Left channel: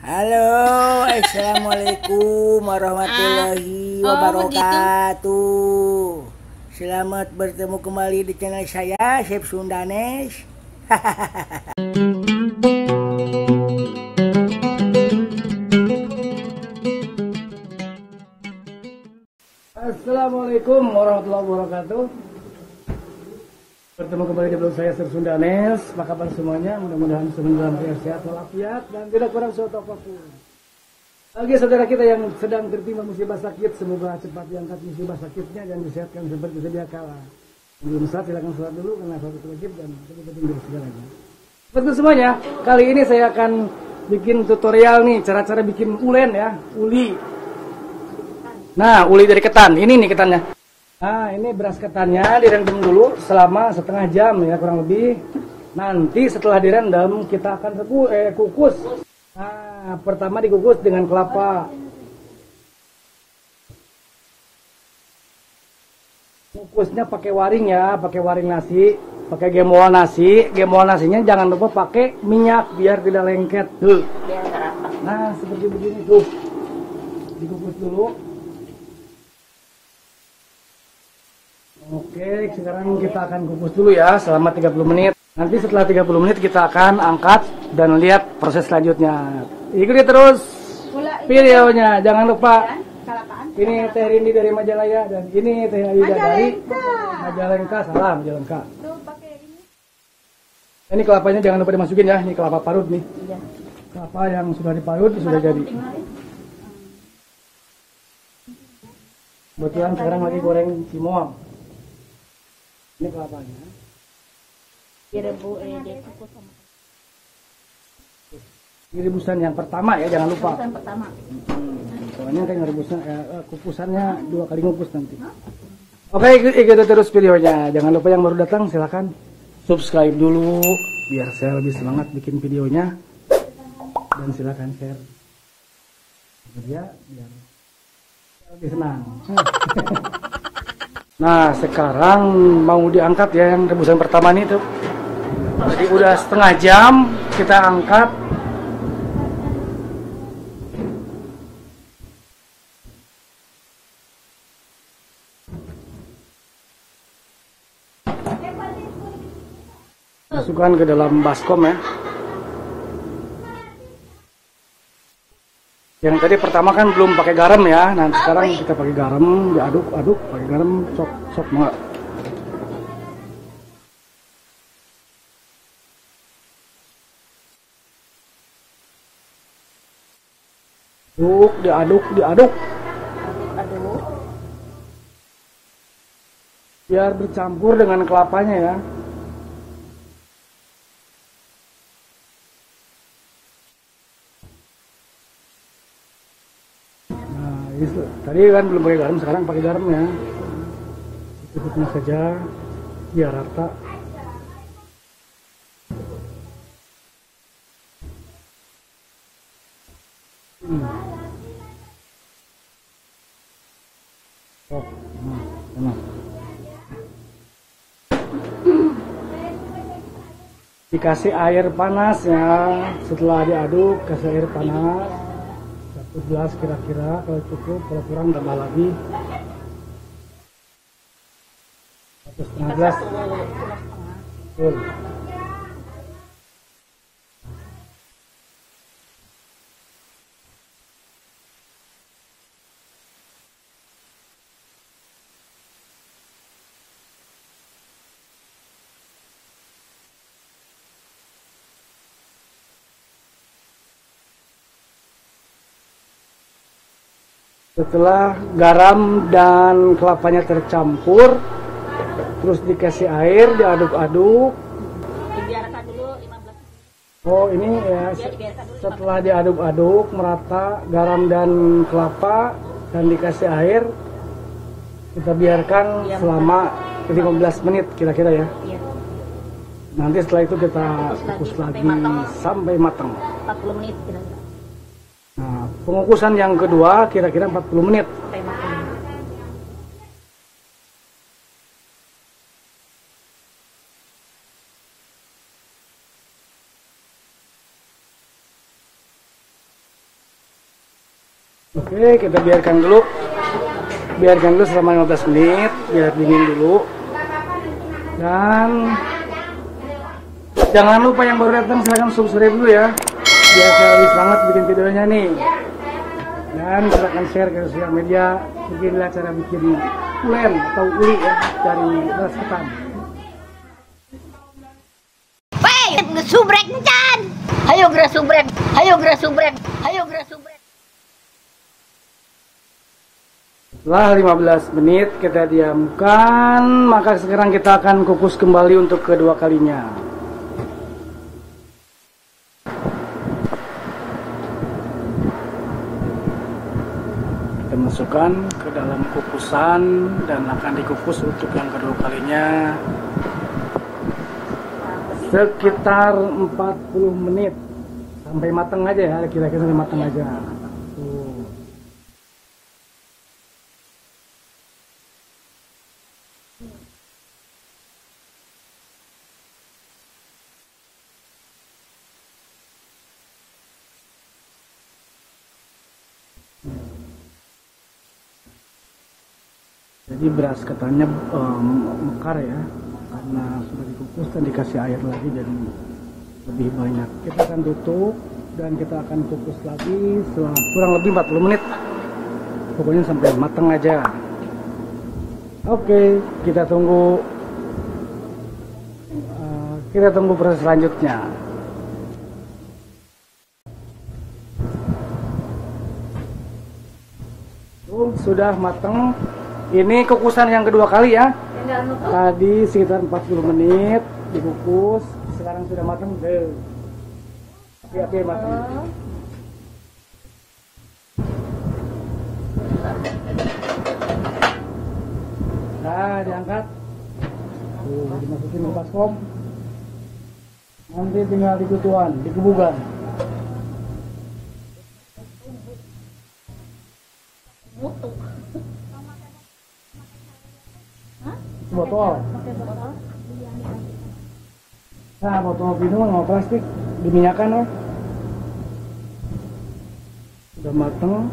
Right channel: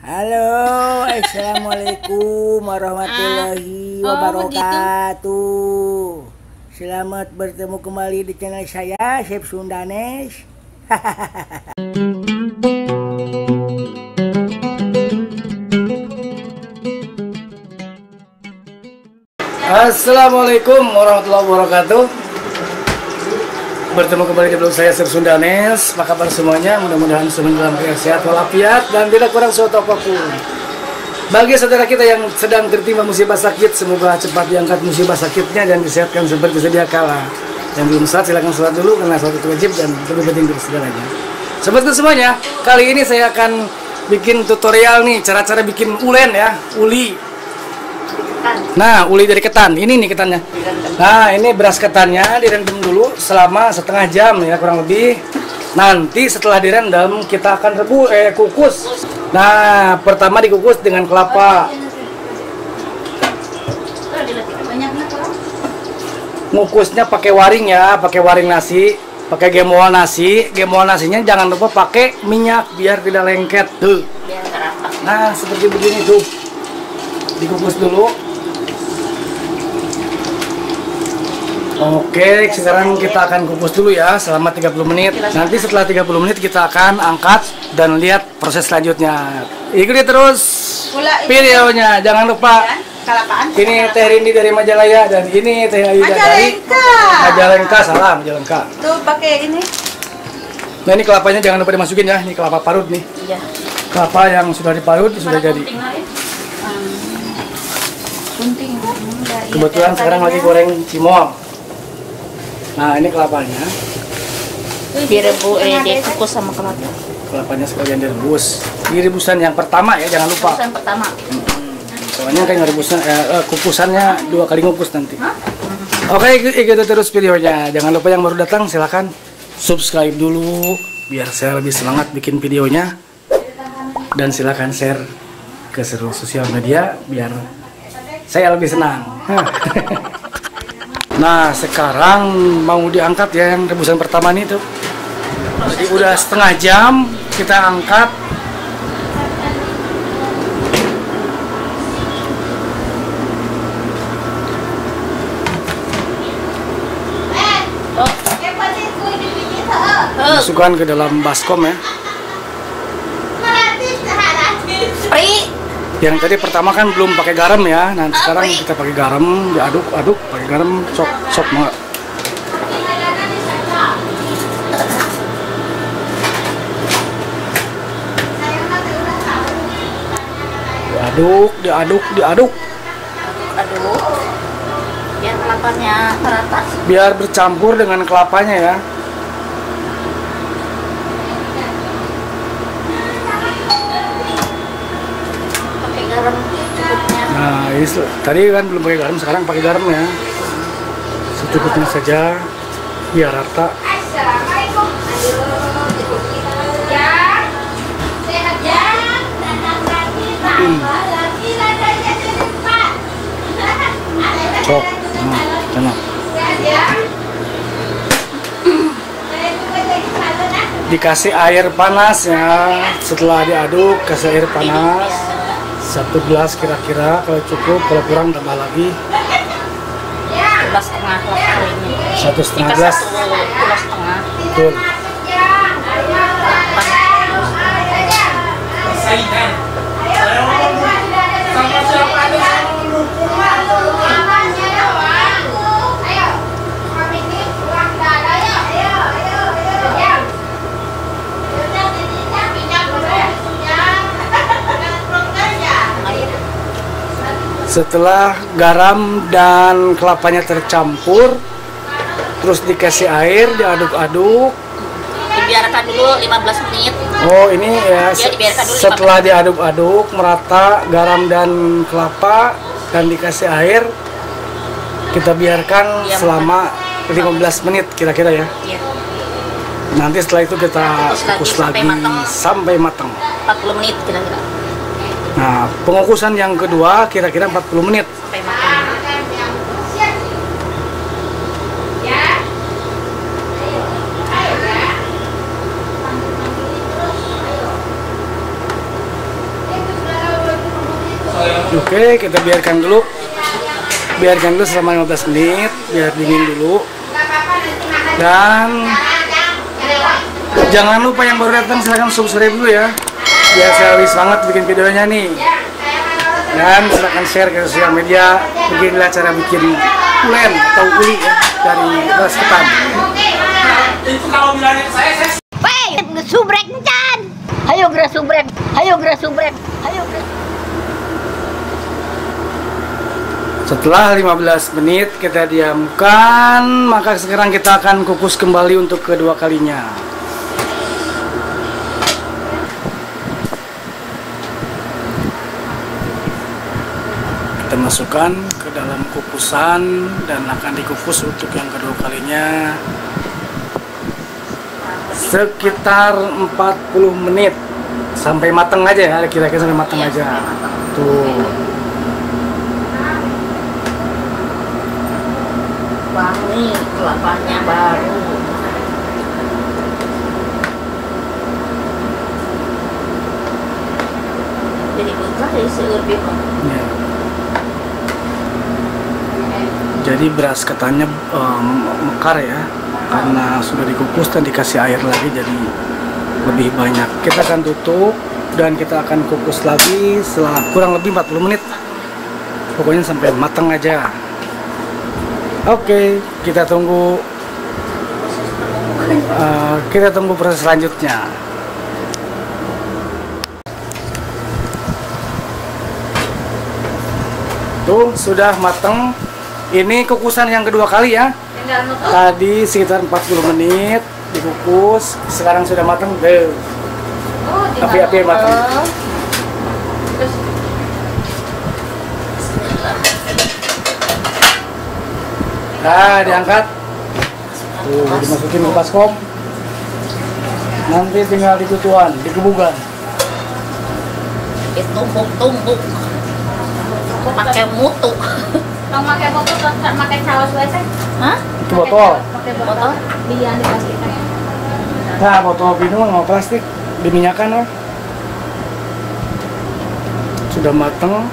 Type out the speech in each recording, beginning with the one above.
Halo, assalamualaikum warahmatullahi wabarakatuh. Selamat bertemu kembali di channel saya, Chef Sundanes. Assalamualaikum warahmatullahi wabarakatuh. Bertemu kembali di blog saya, Chef Sundanes. Apa kabar semuanya? Mudah-mudahan semuanya dalam keadaan sehat walafiat dan tidak kurang suatu apapun. Bagi saudara kita yang sedang tertimpa musibah sakit, semoga cepat diangkat musibah sakitnya dan disehatkan seperti sedia kala. Yang belum sholat silakan sholat dulu karena sholat itu wajib dan lebih penting dari segalanya. Sobat itu semuanya, kali ini saya akan bikin tutorial nih cara-cara bikin ulen ya, uli. Nah, uli dari ketan. Ini nih ketannya. Nah, ini beras ketannya direndam dulu selama setengah jam ya kurang lebih. Nanti setelah direndam kita akan kukus. Nah, pertama dikukus dengan kelapa. Ngukusnya pakai waring ya, pakai waring nasi, pakai gembol nasi. Gembol nasinya jangan lupa pakai minyak biar tidak lengket tuh. Nah, seperti begini tuh. Dikukus dulu. Oke, sekarang kita akan kukus dulu ya selama 30 menit. Nanti setelah 30 menit kita akan angkat dan lihat proses selanjutnya. Ikuti terus videonya. Jangan lupa ini Teh Rindi dari Majalaya dan ini Teh Aida dari Majalengka. Salam Majalengka. Tuh pakai ini. Nah, ini kelapanya jangan lupa dimasukin ya. Ini kelapa parut nih. Iya. Kelapa yang sudah diparut sudah jadi. Kebetulan sekarang lagi goreng cimol. Nah, ini kelapanya. Dikukus sama kelapa. Kelapanya sekalian direbus. Ini rebusan yang pertama ya, jangan lupa. Rebusan pertama. Soalnya kan rebusan kukusannya 2 kali ngukus nanti. Oke, ikuti terus videonya. Jangan lupa yang baru datang silahkan subscribe dulu biar saya lebih semangat bikin videonya. Dan silahkan share ke seluruh sosial media biar saya lebih senang. Nah, sekarang mau diangkat ya yang rebusan pertama nih tuh. Jadi udah setengah jam kita angkat. Masukkan ke dalam baskom ya. Yang tadi pertama kan belum pakai garam ya. Nanti sekarang kita pakai garam, diaduk-aduk, pakai garam, sok banget. Diaduk. Aduk. Biar kelapanya merata. Biar bercampur dengan kelapanya ya. Nah, ini tadi kan belum pakai garam, sekarang pakai garam ya. Secukupnya saja, biar rata. Cok, nah, dikasih air panas ya. Setelah diaduk, kasih air panas. 1 gelas kira-kira, kalau cukup, kalau kurang tambah lagi. 1,5 gelas. Betul. Setelah garam dan kelapanya tercampur, terus dikasih air, diaduk-aduk. Dibiarkan dulu 15 menit. Oh, ini ya setelah diaduk-aduk merata garam dan kelapa dan dikasih air, kita biarkan selama 15 menit kira-kira ya. Iya. Nanti setelah itu kita kukus lagi sampai matang. 40 menit kira-kira. Nah, pengukusan yang kedua kira-kira 40 menit. Sampai matang. Oke, kita biarkan dulu selama 15 menit biar dingin dulu. Dan jangan lupa yang baru datang silahkan subscribe dulu ya, biar saya lebih semangat bikin videonya nih. Dan silahkan share ke sosial media. Beginilah cara bikin ulen atau uli ya dari beras ketan. Weh, subrek ncan. Ayo gerak subrek. Setelah 15 menit kita diamkan, maka sekarang kita akan kukus kembali untuk kedua kalinya. Kita masukkan ke dalam kukusan dan akan dikukus untuk yang kedua kalinya sekitar 40 menit sampai matang aja ya, kira-kira sampai matang aja. Tuh. Wangi kelapanya baru. Jadi begah ya seueur biko. Ya. Jadi beras ketannya mekar ya, karena sudah dikukus dan dikasih air lagi, jadi lebih banyak. Kita akan tutup dan kita akan kukus lagi setelah kurang lebih 40 menit. Pokoknya sampai matang aja. Oke, kita tunggu proses selanjutnya. Tuh sudah matang. Ini kukusan yang kedua kali ya. Tadi sekitar 40 menit dikukus, sekarang sudah matang. Api-api matang. Nah, diangkat. Tuh, dimasukin ke baskom. Nanti tinggal ditutuan, dikebukan. Ditumbuk-tumbuk. Pakai mutu. Kalau pakai botol, pakai saus biasa. Hah? Itu botol. Pakai botol, biar dipastikan. Nah, botol minum mau plastik, diminyakan. Sudah matang.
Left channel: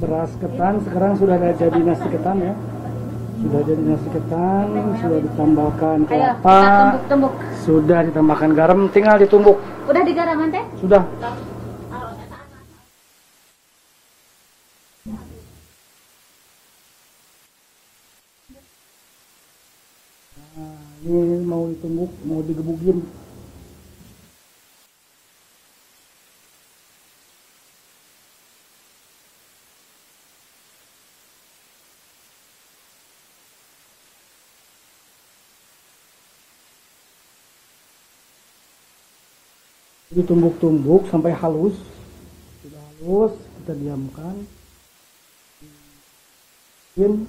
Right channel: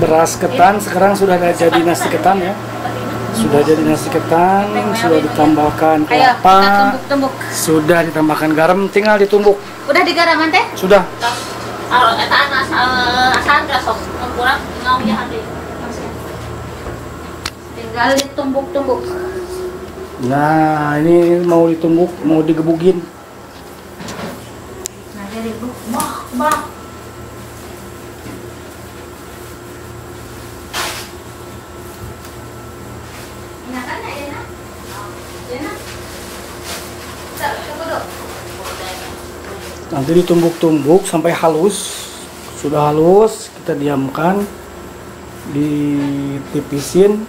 Beras ketan sekarang sudah jadi nasi ketan ya. Sudah jadi nasi ketan, sudah ditambahkan kelapa, sudah ditambahkan garam, tinggal ditumbuk. Udah digaraman teh? Sudah. Tinggal ditumbuk-tumbuk. Nah, ini mau ditumbuk, mau digebukin. Nah, jadi bah. Nanti ditumbuk-tumbuk sampai halus. Sudah halus, kita diamkan, ditipisin,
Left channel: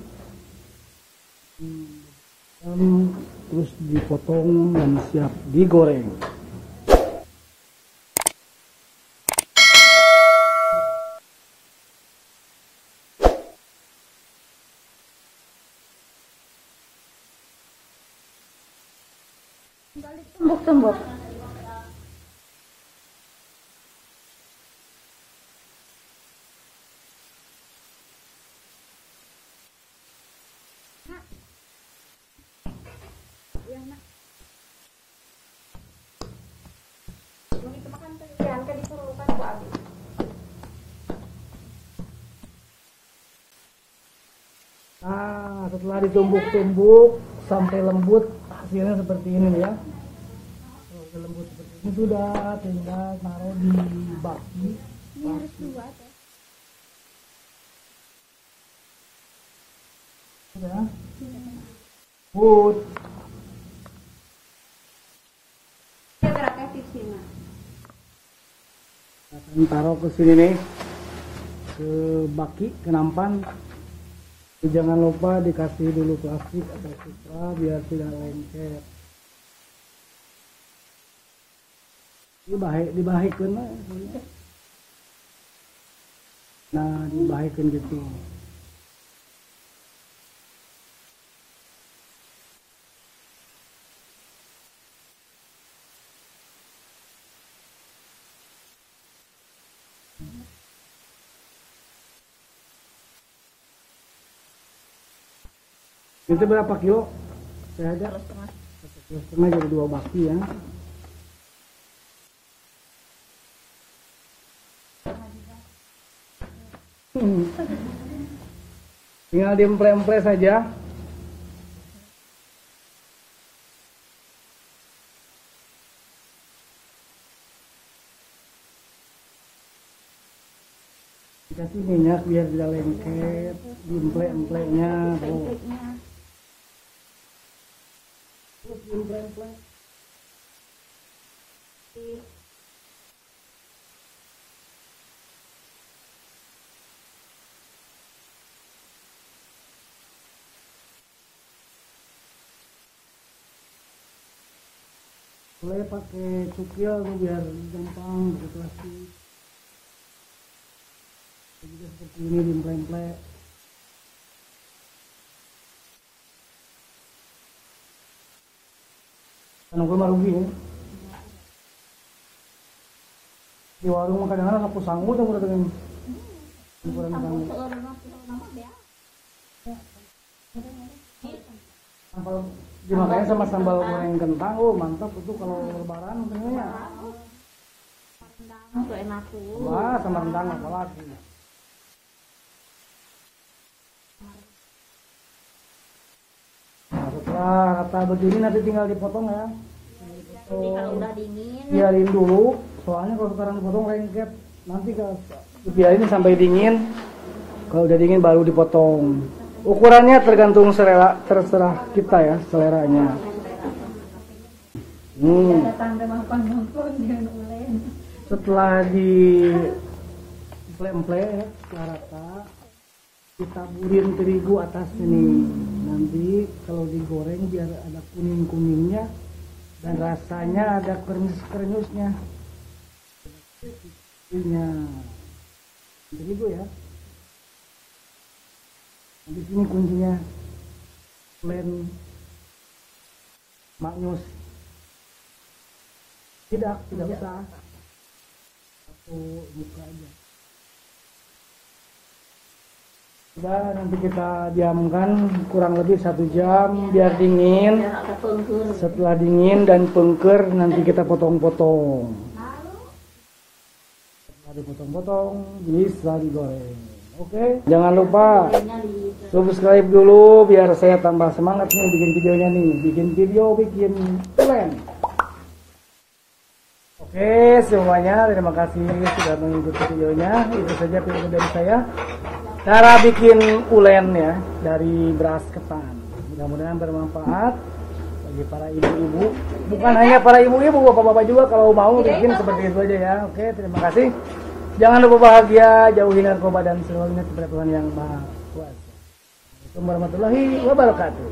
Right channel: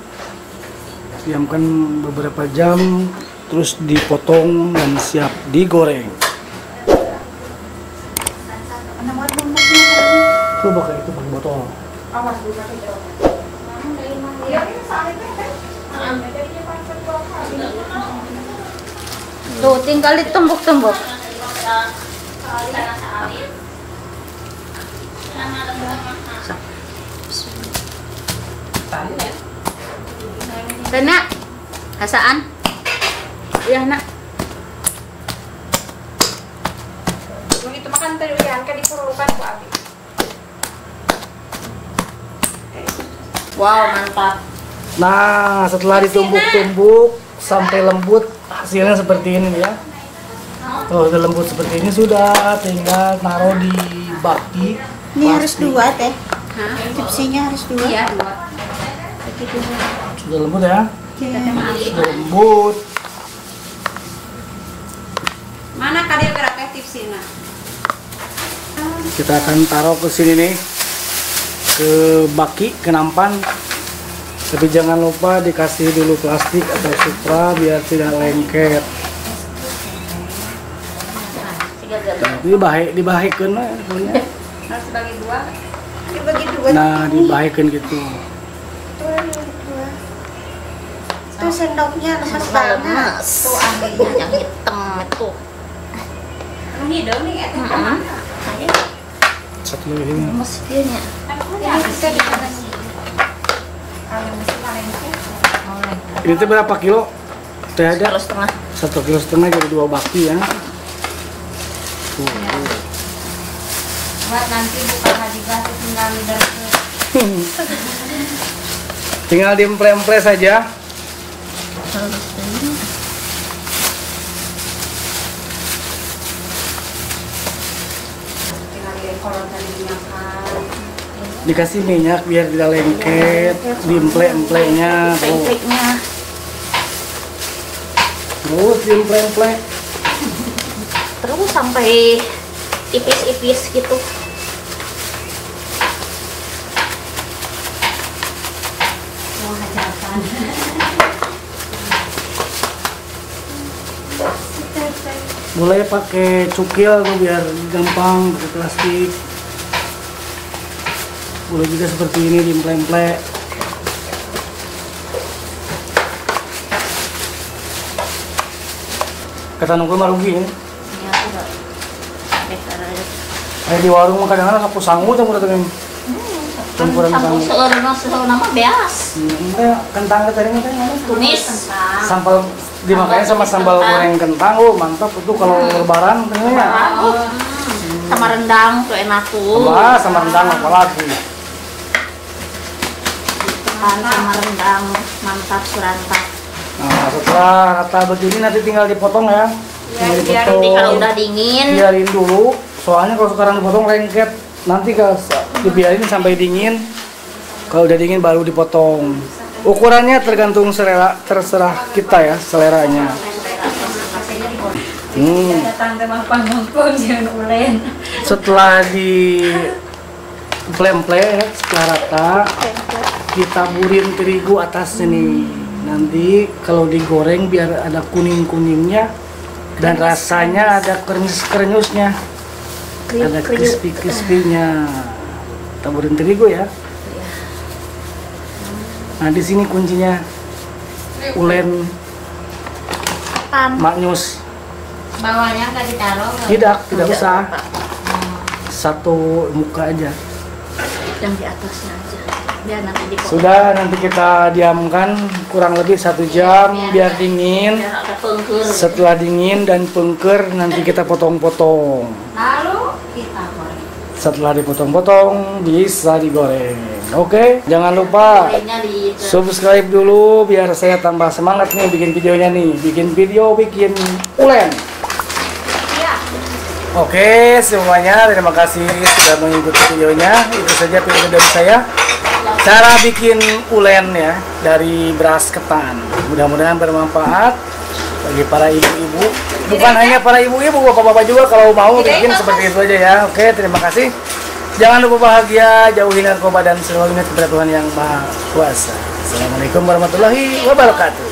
diamkan beberapa jam, terus dipotong dan siap digoreng. Coba kayak itu pakai botol. Tuh, tinggal ditumbuk-tumbuk. Nak, hasaan? Iya, nak. Begitu makan tadi uyan kan diperlukan Bu Abi. Wow, mantap. Nah, setelah ditumbuk-tumbuk sampai lembut, hasilnya seperti ini ya. Oh, udah lembut seperti ini, sudah tinggal taruh di baki. Ini harus dua teh. Tipsinya harus dua. Iya, dua. Sudah lembut ya. Sudah lembut. Mana kadir geraknya tipsina? Kita akan taruh ke sini nih, ke baki, ke nampan. Tapi jangan lupa dikasih dulu plastik atau supra biar tidak lengket. Tapi dibahikeun lah pokoknya. Harus bagi dua. Dibagi dua. Nah, dibahikeun gitu. Tuh sendoknya lemes banget. Tuh ambilnya yang hitam itu. Hidung nih, Satu lagi ini. Mesinnya. Ini bisa dipanas. Kalau mesin paling Ini tuh berapa kilo? Teh ada Kalau setengah. 1,5 kilo jadi 2 baki ya. Tuh. Buat nanti buka hadiah tinggal lidah. Tinggal diemple-emple saja. Tinggal kalau tadi dimakan. Dikasih minyak biar tidak lengket, diemple-emplenya tuh. Pempeknya. Terus diemple-emple. Terus sampai ipis-ipis gitu. Mau hajatan. Boleh pakai cukil tuh biar gampang, pakai plastik. Boleh juga seperti ini diemple-emple. Kata nunggu mah rugi ya. Ini aku enggak pakai cara Kayak di warung mah kadang-kadang sapu sangu tuh udah tuh. Campuran sangu. seueur nama beas. Enggak, kentang tadi teh Tumis. sambal dimakannya sama sambal goreng kentang. Oh, mantap itu kalau lebaran ternyata. Sama rendang tuh enak tuh. Sama rendang apalagi. Sama rendang mantap surantap. Nah, setelah rata begini nanti tinggal dipotong ya. Tinggal dipotong. Jadi kalau udah dingin, Biarin dulu. Soalnya kalau sekarang dipotong lengket. Nanti kalau dibiarin sampai dingin. Kalau udah dingin baru dipotong. Ukurannya tergantung terserah kita ya, seleranya. datang temah pangongkong jangan ulen. Setelah di emple-emple setelah rata, ditaburin terigu atasnya nih. Nanti kalau digoreng biar ada kuning-kuningnya dan rasanya ada krenyus-krenyusnya. Ada crispy-crispy-nya. Taburin terigu ya. Nah, di sini kuncinya. Ulen maknyus. Bawahnya nggak ditaruh. Tidak usah. Satu muka aja. Yang di atasnya aja. Biar nanti dipotong. Sudah, nanti kita diamkan kurang lebih 1 jam biar dingin. Biar ada pengker. Setelah dingin dan pengker nanti kita potong-potong. Lalu kita goreng. Setelah dipotong-potong bisa digoreng. Oke, jangan lupa Gorengnya di subscribe dulu biar saya tambah semangat nih bikin videonya nih. Bikin ulen. Oke, semuanya terima kasih sudah mengikuti videonya. Itu saja video dari saya. Cara bikin ulen ya dari beras ketan. Mudah-mudahan bermanfaat bagi para ibu-ibu. Bukan hanya para ibu-ibu, bapak-bapak juga kalau mau bikin seperti itu aja ya. Oke, terima kasih. Jangan lupa bahagia, jauhi narkoba dan selalu ingat kepada Tuhan yang Maha Kuasa. Assalamualaikum warahmatullahi wabarakatuh.